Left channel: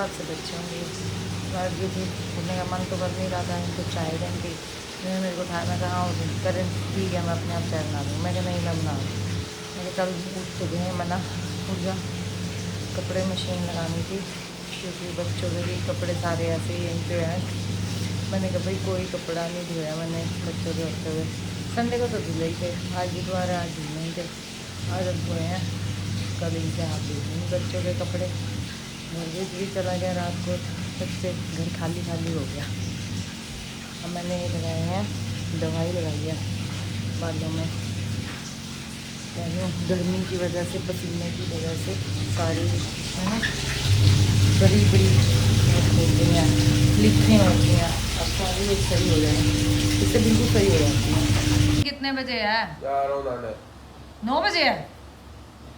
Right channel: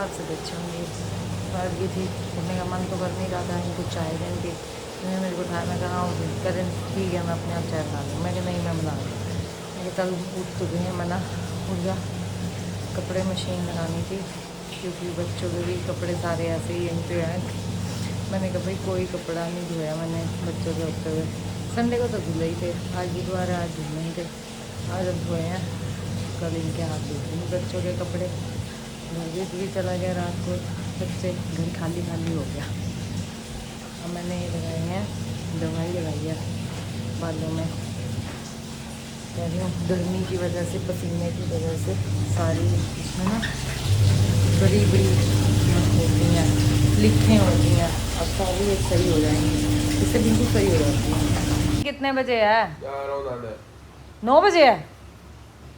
5 से बच्चे होंगे। बैठ गई थी, उठने का मन तो कर नहीं रहा था, इनको चाय देंगे। इन्होंने मेरे को उठाया, मैं कहा हाँ उठी, करें ठीक है मैं अपने आप चाय बना दूँ। मैं कहा नहीं मैं बना दूँ। मैं कहा चल उठ तो गए हैं, मना उठ जा। कपड़े मशीन लगानी थी क्योंकि बच्चों के भी कपड़े सारे ऐसे ही यहीं पे हैं। मैंने कहा भाई कोई कपड़ा नहीं धोया मैंने बच्चों के होते हुए। संडे को तो धुले ही थे, आज बुधवार है, आज धुलने ही थे। आज अब धोए हैं, कल इनके हाथ धो दूँगी बच्चों के कपड़े। घर भी चला गया रात को, बच्चे घर खाली खाली हो गया। अब मैंने ये लगाए हैं, दवाई लगाई है बालों में। कह रही हूँ गर्मी की वजह से, पसीने की वजह से सारी है ना बड़ी बड़ी हो गई हैं, लिखें हो गई हैं। अब सारी वो सही हो जाएंगी, इससे बिल्कुल सही हो जाती है। कितने बजे है? 9 बजे है।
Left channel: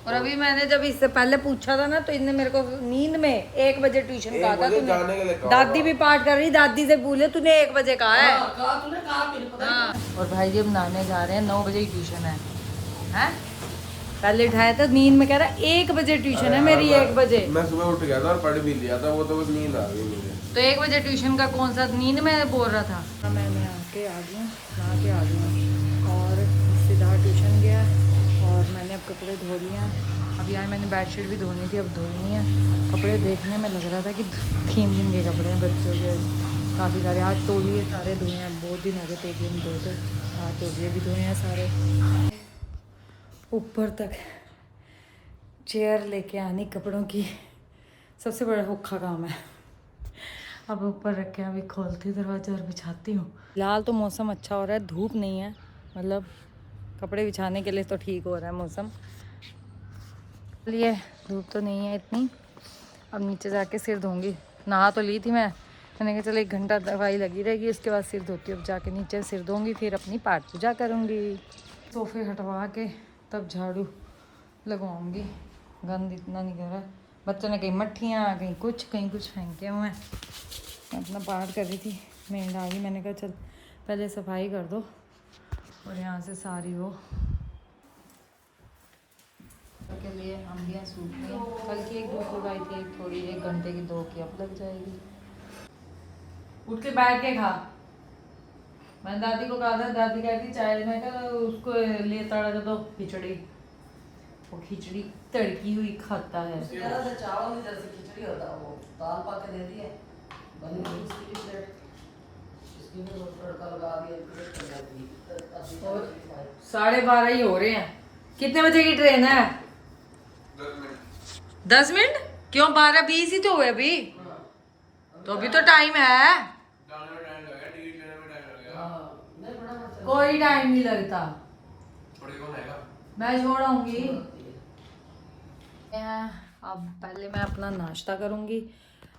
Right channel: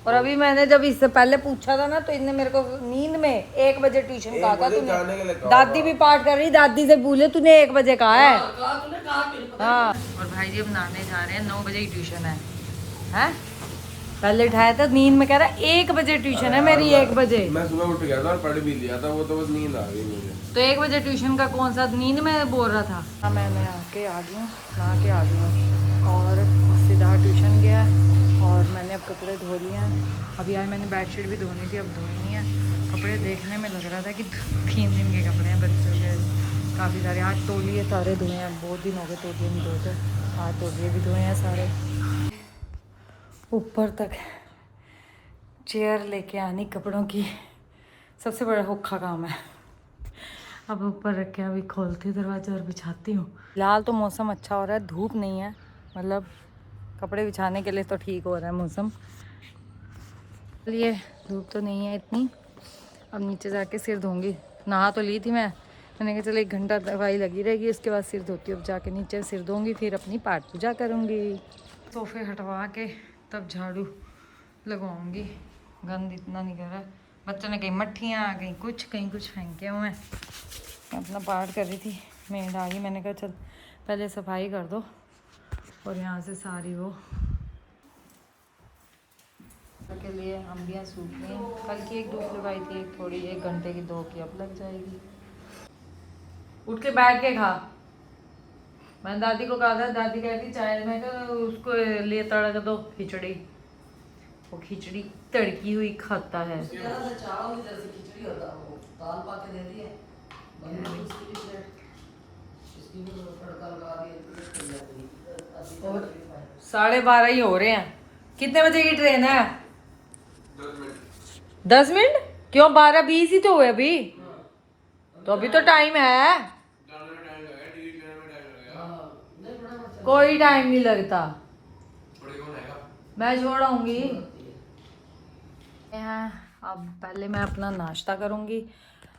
और अभी मैंने जब इससे पहले पूछा था ना तो इनने मेरे को नींद में 1 बजे ट्यूशन कहा था तूने। दादी भी पाठ कर रही, दादी से बोले तूने 1 बजे कहा है। हाँ, और भाई जी अब नहाने जा रहे हैं, 9 बजे की ट्यूशन है। पहले उठाया था नींद में, कह रहा 1 बजे ट्यूशन है मेरी। 1 बजे मैं सुबह उठ गया था और पढ़ भी लिया था, वो तो बस नींद आ गई मुझे। तो 1 बजे ट्यूशन का कौन सा नींद में बोल रहा था। हाँ मैं आके आ गई हूँ, नहा के आ गई हूँ और सीधा ट्यूशन गया और मैंने अब कपड़े धो लिए हैं। अभी यार मैंने बेडशीट भी धोनी थी, अब धोनी है। कपड़े देखने में लग रहा था कि 3 दिन के कपड़े हैं बच्चों के काफ़ी सारे। आज तौलिए सारे धोए हैं, बहुत दिन हो गए तौलिए में धोए थे। आज तौलिए भी धोए हैं सारे। ऊपर तक चेयर लेके आनी कपड़ों की सबसे बड़ा औखा काम है। अब ऊपर रख के अभी खोलती हूँ दरवाज़ा और बिछाती हूँ। फिलहाल तो मौसम अच्छा हो रहा है, धूप नहीं है, मतलब कपड़े बिछाने के लिए तो ठीक हो रहा है मौसम। लिए धूप तो नहीं है इतनी। अब नीचे जाके सिर धोऊंगी। नहा तो ली थी मैंने कहा चल 1 घंटा दवाई लगी रहेगी, इसके बाद सिर धोती हूँ। अब जाके नीचे सिर धोऊंगी, फिर अपनी पाठ पूजा करूँगी। सोफे हटवा के तब झाड़ू लगवाऊंगी। गंद इतना नहीं कर रहा। बच्चों ने कहीं मट्ठियाँ, कहीं कुछ फेंके हुए हैं। मैं अपना पाठ कर रही थी, मेड आ गई। मैंने कहा चल पहले सफाई कर दो और यहाँ से सारी वो के लिए अम्बियाँ सूखनी है। कल की एक धूप लगाई थी, एक थोड़ी 1 घंटे की, 2 की अब लग जाएगी। उठ के बैठ के खा। मैंने दादी को कहा था, दादी कहती चाय, मैं कहा उसको ले तड़क दो खिचड़ी। वो खिचड़ी तड़की हुई खाता है। चावल जैसे खिचड़ी होता है, वो दाल पा के दे दिए, 12:30 ही हो रहे हैं। कितने बजे की ट्रेन है? 10 मिनट। क्यों 12:20 ही तो हुए अभी। तो अभी तो टाइम है। कोई टाइम नहीं लगता, मैं छोड़ूंगी। अब पहले मैं अपना नाश्ता करूंगी।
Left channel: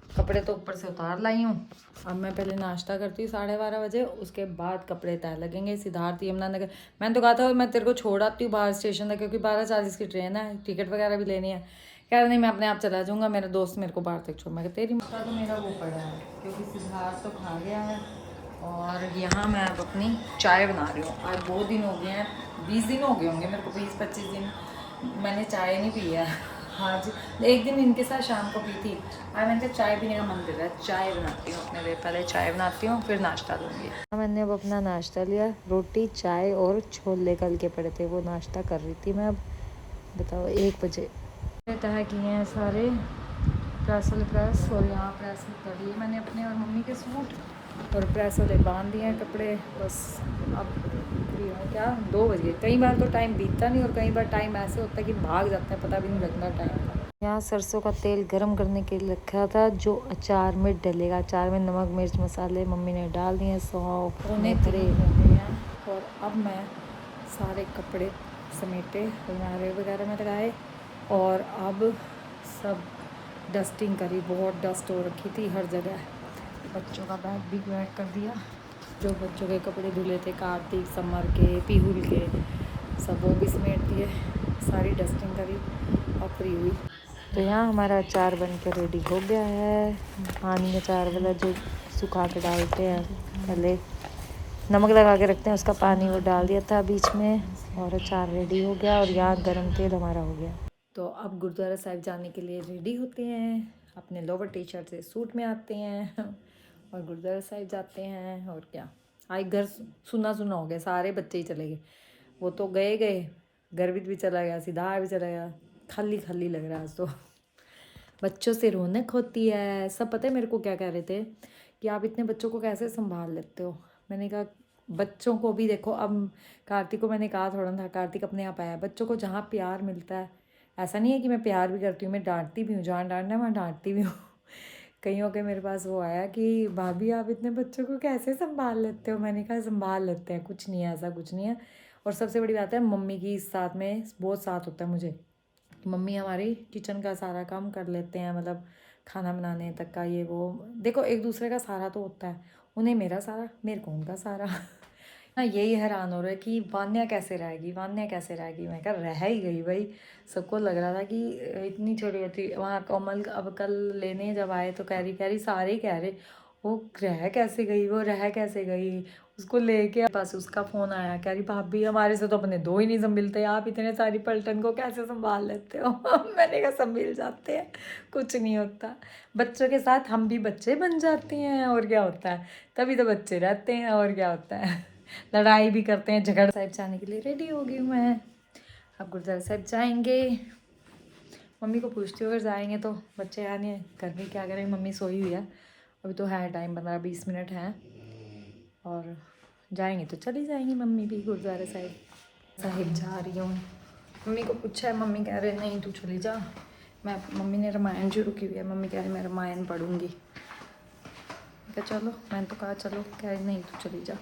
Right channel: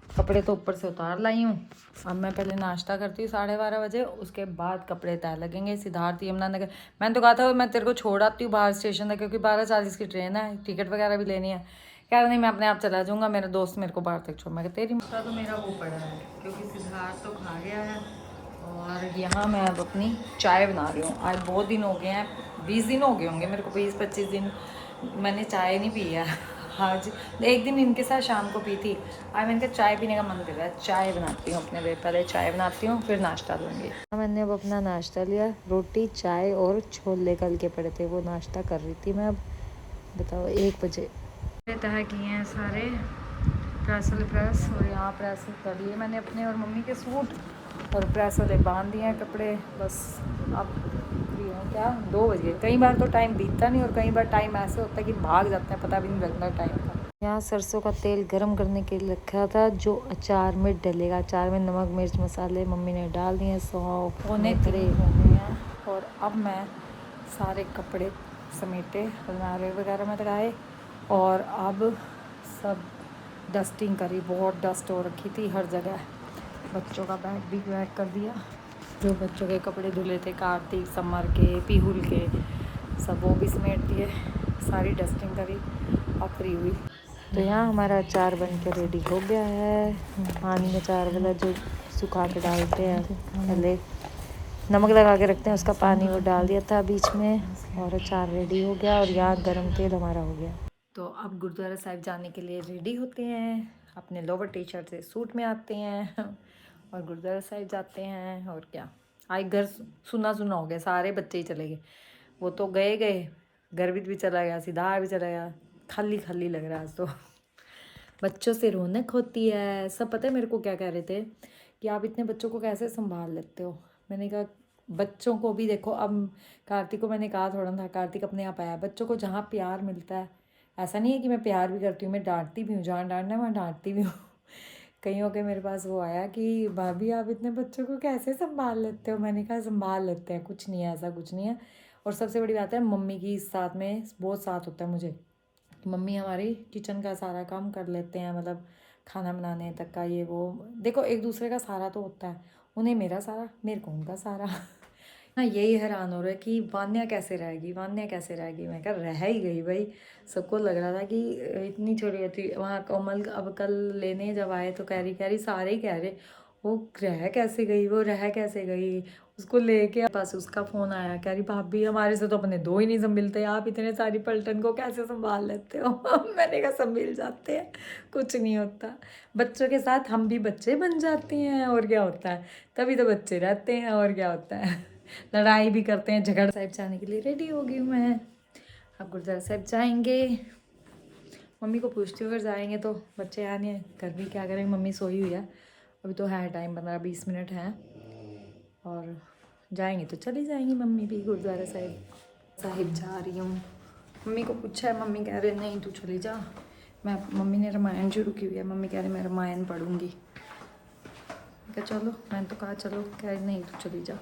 कपड़े तो ऊपर से उतार लाई हूँ। अब मैं पहले नाश्ता करती हूँ 12:30 बजे, उसके बाद कपड़े तय लगेंगे। सिद्धार्थ यमुनानगर, मैंने तो कहा था मैं तेरे को छोड़ आती हूँ बाहर स्टेशन तक, क्योंकि 12:40 की ट्रेन है, टिकट वगैरह भी लेनी है। कह रहा नहीं मैं अपने आप चला जाऊँगा, मेरा दोस्त मेरे को बाहर तक छोड़। मैं तेरी माता तो मेरा वो पड़ा है, क्योंकि सिद्धार्थ तो खा गया है। और यहाँ मैं अब अपनी चाय बना रही हूँ। आज बहुत दिन हो गए हैं, 20 दिन हो गए होंगे मेरे को, 20-25 दिन मैंने चाय नहीं पी है। हाँ जी, 1 दिन इनके साथ शाम को पी थी। आज मैंने कहा चाय पीने का मन कर रहा है, चाय बनाती हूँ अपने लिए। पहले चाय बनाती हूँ फिर नाश्ता दूँगी। मैंने अब अपना नाश्ता लिया, रोटी चाय और छोले कल के पड़े थे, वो नाश्ता कर रही थी मैं। अब बताओ 1 बजे तह किए हैं सारे प्रेस। और यहाँ प्रेस कर लिए मैंने अपने और मम्मी के सूट, और प्रेस वाले बांध दिए हैं कपड़े। बस अब फ्री हूँ। क्या 2 बज गए। कई बार तो टाइम बीतता नहीं, और कई बार टाइम ऐसे होता है कि भाग जाता है, पता भी नहीं लगता टाइम का। यहाँ सरसों का तेल गरम करने के लिए रखा था, जो अचार में डलेगा। अचार में नमक मिर्च मसाले मम्मी ने डाल दिए, सौंफ मेथरे हो गए हैं। और अब मैं सारे कपड़े समेटे, अलमारी वगैरह में लगाए, और अब सब डस्टिंग करी। बहुत डस्ट हो रखी थी हर जगह। बच्चों का बैग भी पैक कर दिया, जो बच्चों के कपड़े धुले थे, कार्तिक समर के पीहुल के, सब वो भी समेट दिए। सारी डस्टिंग करी, अब फ्री हुई। तो यहाँ हमारा अचार बन के रेडी हो गया है। पानी अचार वाला जो सुखा के डालते हैं, पहले नमक लगा के रखते हैं, उसका पानी वो डाल दिया था बीच में, और अचार रेडी हो गया। और यहाँ गरम तेल हमारा हो गया। तो अब गुरुद्वारा साहिब जाने के लिए रेडी होते हैं। अपने लोवर टी शर्ट से सूट में आते हैं और गुरुद्वारा साहिब जाते हैं। और क्या, आज घर सुना सुना हो गया, सारे बच्चे ही चले गए। वो तो गए, गर्वित भी चला गया, सिद्धार्थ भी चला गया, खाली खाली लग रहा है आज तो। बच्चों से रौनक होती है। सब पता है मेरे को क्या कह रहे थे कि आप इतने बच्चों को कैसे संभाल लेते हो। मैंने कहा बच्चों को भी देखो, अब कार्तिक को मैंने कहा थोड़ा था, कार्तिक अपने आप आया। बच्चों को जहाँ प्यार मिलता है, ऐसा नहीं है कि मैं प्यार भी करती हूँ, मैं डांटती भी हूँ, जहाँ डांटना है वहाँ डांटती भी हूँ। कहीं के मेरे पास वो आया कि भाभी आप इतने बच्चों को कैसे संभाल लेते हो। मैंने कहा संभाल लेते हैं, कुछ नहीं है, ऐसा कुछ नहीं है। और सबसे बड़ी बात है मम्मी की इस साथ में बहुत साथ होता है मुझे। मम्मी हमारी किचन का सारा काम कर लेते हैं, मतलब खाना बनाने तक का ये वो। देखो एक दूसरे का सारा तो होता है, उन्हें मेरा सारा, मेरे को उनका सारा। हाँ यही हैरान हो रहा है कि वान्या कैसे रहेगी, वान्या कैसे रहेगी। मैं कहा रह ही गई भाई। सबको लग रहा था कि इतनी छोटी होती। वहाँ कमल अब कल लेने जब आए तो कह रही सारे ही कह रहे वो रह कैसे गई, वो रह कैसे गई। उसको लेके पास उसका फ़ोन आया, कह रही भाभी हमारे से तो अपने दो ही नहीं संभलते, आप इतने सारी पलटन को कैसे संभाल लेते हो। मैंने कहा संभल जाते हैं, कुछ नहीं होता। बच्चों के साथ हम भी बच्चे बन जाते हैं, और क्या होता है, तभी तो बच्चे रहते हैं, और क्या होता है। लड़ाई भी करते हैं, झगड़। साहिब जाने के लिए रेडी हो गई हूँ मैं, अब गुरुद्वारा साहिब जाएंगे। मम्मी को पूछती हूँ अगर जाएंगे तो, बच्चे यार नहीं घर भी क्या करेंगे, मम्मी सोई हुई है अभी तो है टाइम, 15-20 मिनट हैं, और जाएंगे तो चली जाएंगी मम्मी भी गुरुद्वारा साहिब जा रही हूँ। मम्मी को पूछा है, मम्मी कह रहे नहीं तू चली जा। मम्मी ने रामायण शुरू की हुई है, मम्मी कह रही मैं रामायण पढ़ूँगी। क्या चलो, मैंने तो कहा चलो, कह रही नहीं तू चली जा।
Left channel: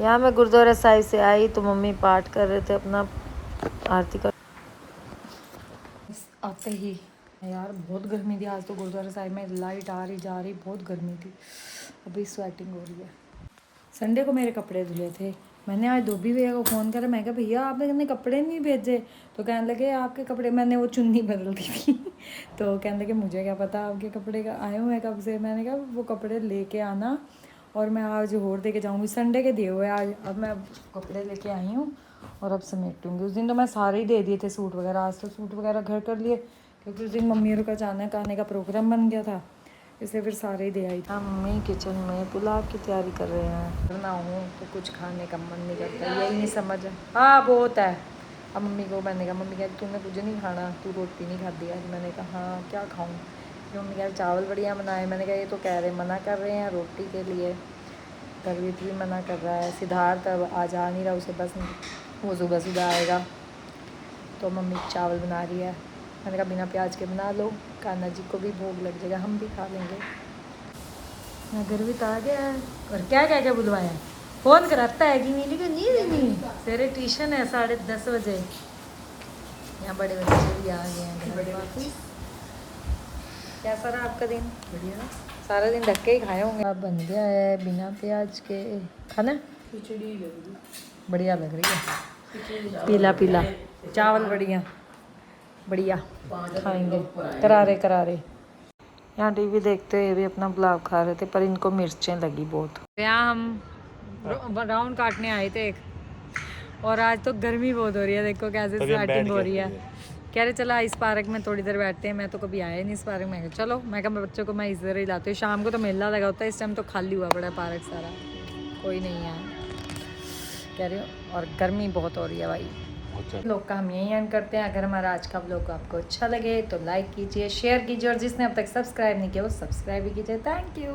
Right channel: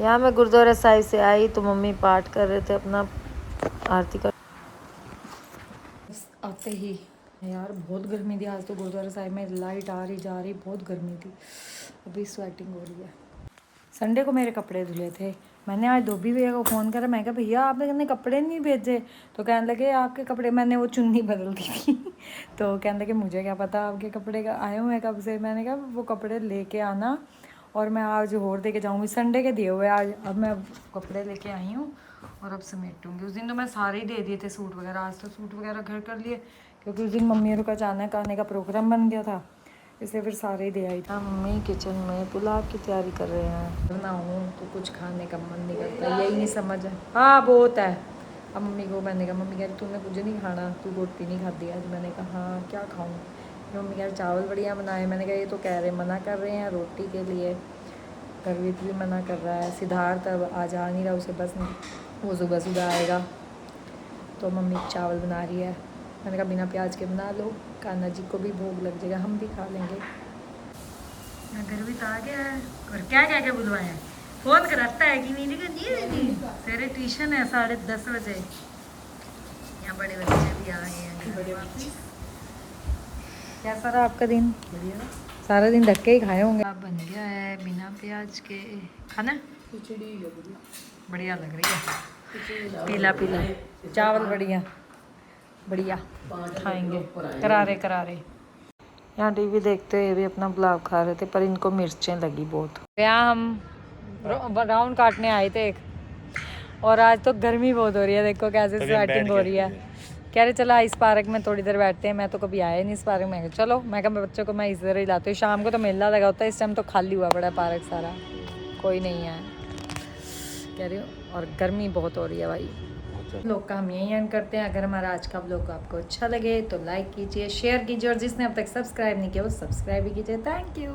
यहाँ मैं गुरुद्वारा साहिब से आई तो मम्मी पाठ कर रहे थे अपना आरती का। आते ही यार बहुत गर्मी थी आज तो, गुरुद्वारा साहिब में लाइट आ रही जा रही, बहुत गर्मी थी। अभी स्वेटिंग हो रही है। संडे को मेरे कपड़े धुले थे, मैंने आज धोबी भैया को फ़ोन करा, मैं कहा भैया आपने कपड़े नहीं भेजे। तो कहने लगे आपके कपड़े, मैंने वो चुन्नी बदल दी थी। तो कहने लगे मुझे क्या पता आपके कपड़े का आए हुए हैं कब से। मैंने कहा वो कपड़े लेके आना और मैं आज और दे के जाऊँगी, संडे के दिए हुए आज। अब मैं कपड़े लेके आई हूँ और अब समेटूँगी। उस दिन तो मैं सारे ही दे दिए थे सूट वगैरह, आज तो सूट वगैरह घर कर लिए क्योंकि उस दिन मम्मी और का अचानक आने का प्रोग्राम बन गया था, इसलिए फिर सारे ही दे आई था। मम्मी किचन में पुलाव की तैयारी कर रहे हैं। करना हूँ तो कुछ खाने का मन नहीं करता, यही नहीं समझ। हाँ बहुत है। अब मम्मी को मैंने कहा, मम्मी कह रही तूने कुछ नहीं खाना, तू रोटी नहीं खाती आज। मैंने कहा हाँ क्या खाऊँ। मम्मी कह रही चावल बढ़िया बनाए। मैंने कहा ये तो कह रहे मना कर रहे हैं रोटी के लिए, गर्वित भी मना कर रहा है। सिद्धार्थ अब आज आ नहीं रहा, उसे बस वो सुबह आएगा तो मम्मी चावल बना रही है। मैंने कहा बिना प्याज के बना लो, कान्हा जी को भी भोग लग जाएगा, हम भी खा लेंगे। गर्वित आ गया है और क्या क्या क्या बुलवाया है, फ़ोन कराता है कि नीली का नहीं तेरे ट्यूशन है 10:30 बजे। यहाँ बड़े बच्चे भी आ गए हैं घर वापस। कैसा रहा आपका दिन? बढ़िया, सारा दिन धक्के ही खाए होंगे। अब बन गया है बिना प्याज के खाना, खिचड़ी बढ़िया लग रही है, पीला पीला चावल बढ़िया बढ़िया खाएंगे, करारे करारे। यहाँ टीवी देखते हुए भी अपना पुलाव खा रहे थे, पर इनको मिर्चें लगी बहुत। यहाँ हम राउंड काटने आए थे और आज तो गर्मी बहुत हो रही है, देखो कैसे स्वेटिंग हो रही है। कह रहे चला इस पार्क में थोड़ी देर बैठते हैं, मैं तो कभी आया नहीं इस पार्क में। चलो मैं कहा बच्चों को मैं इस तरह ही लाती हूँ, शाम को तो मेला लगा होता है, इस टाइम तो खाली हुआ पड़ा है पार्क सारा, कोई नहीं है कह रही हूँ। और गर्मी बहुत हो रही है भाई। लोग का हम यही एंड करते हैं। अगर हमारा आज का व्लॉग आपको अच्छा लगे तो लाइक कीजिए, शेयर कीजिए, और जिसने अब तक सब्सक्राइब नहीं किया वो सब्सक्राइब भी कीजिए। Thank you.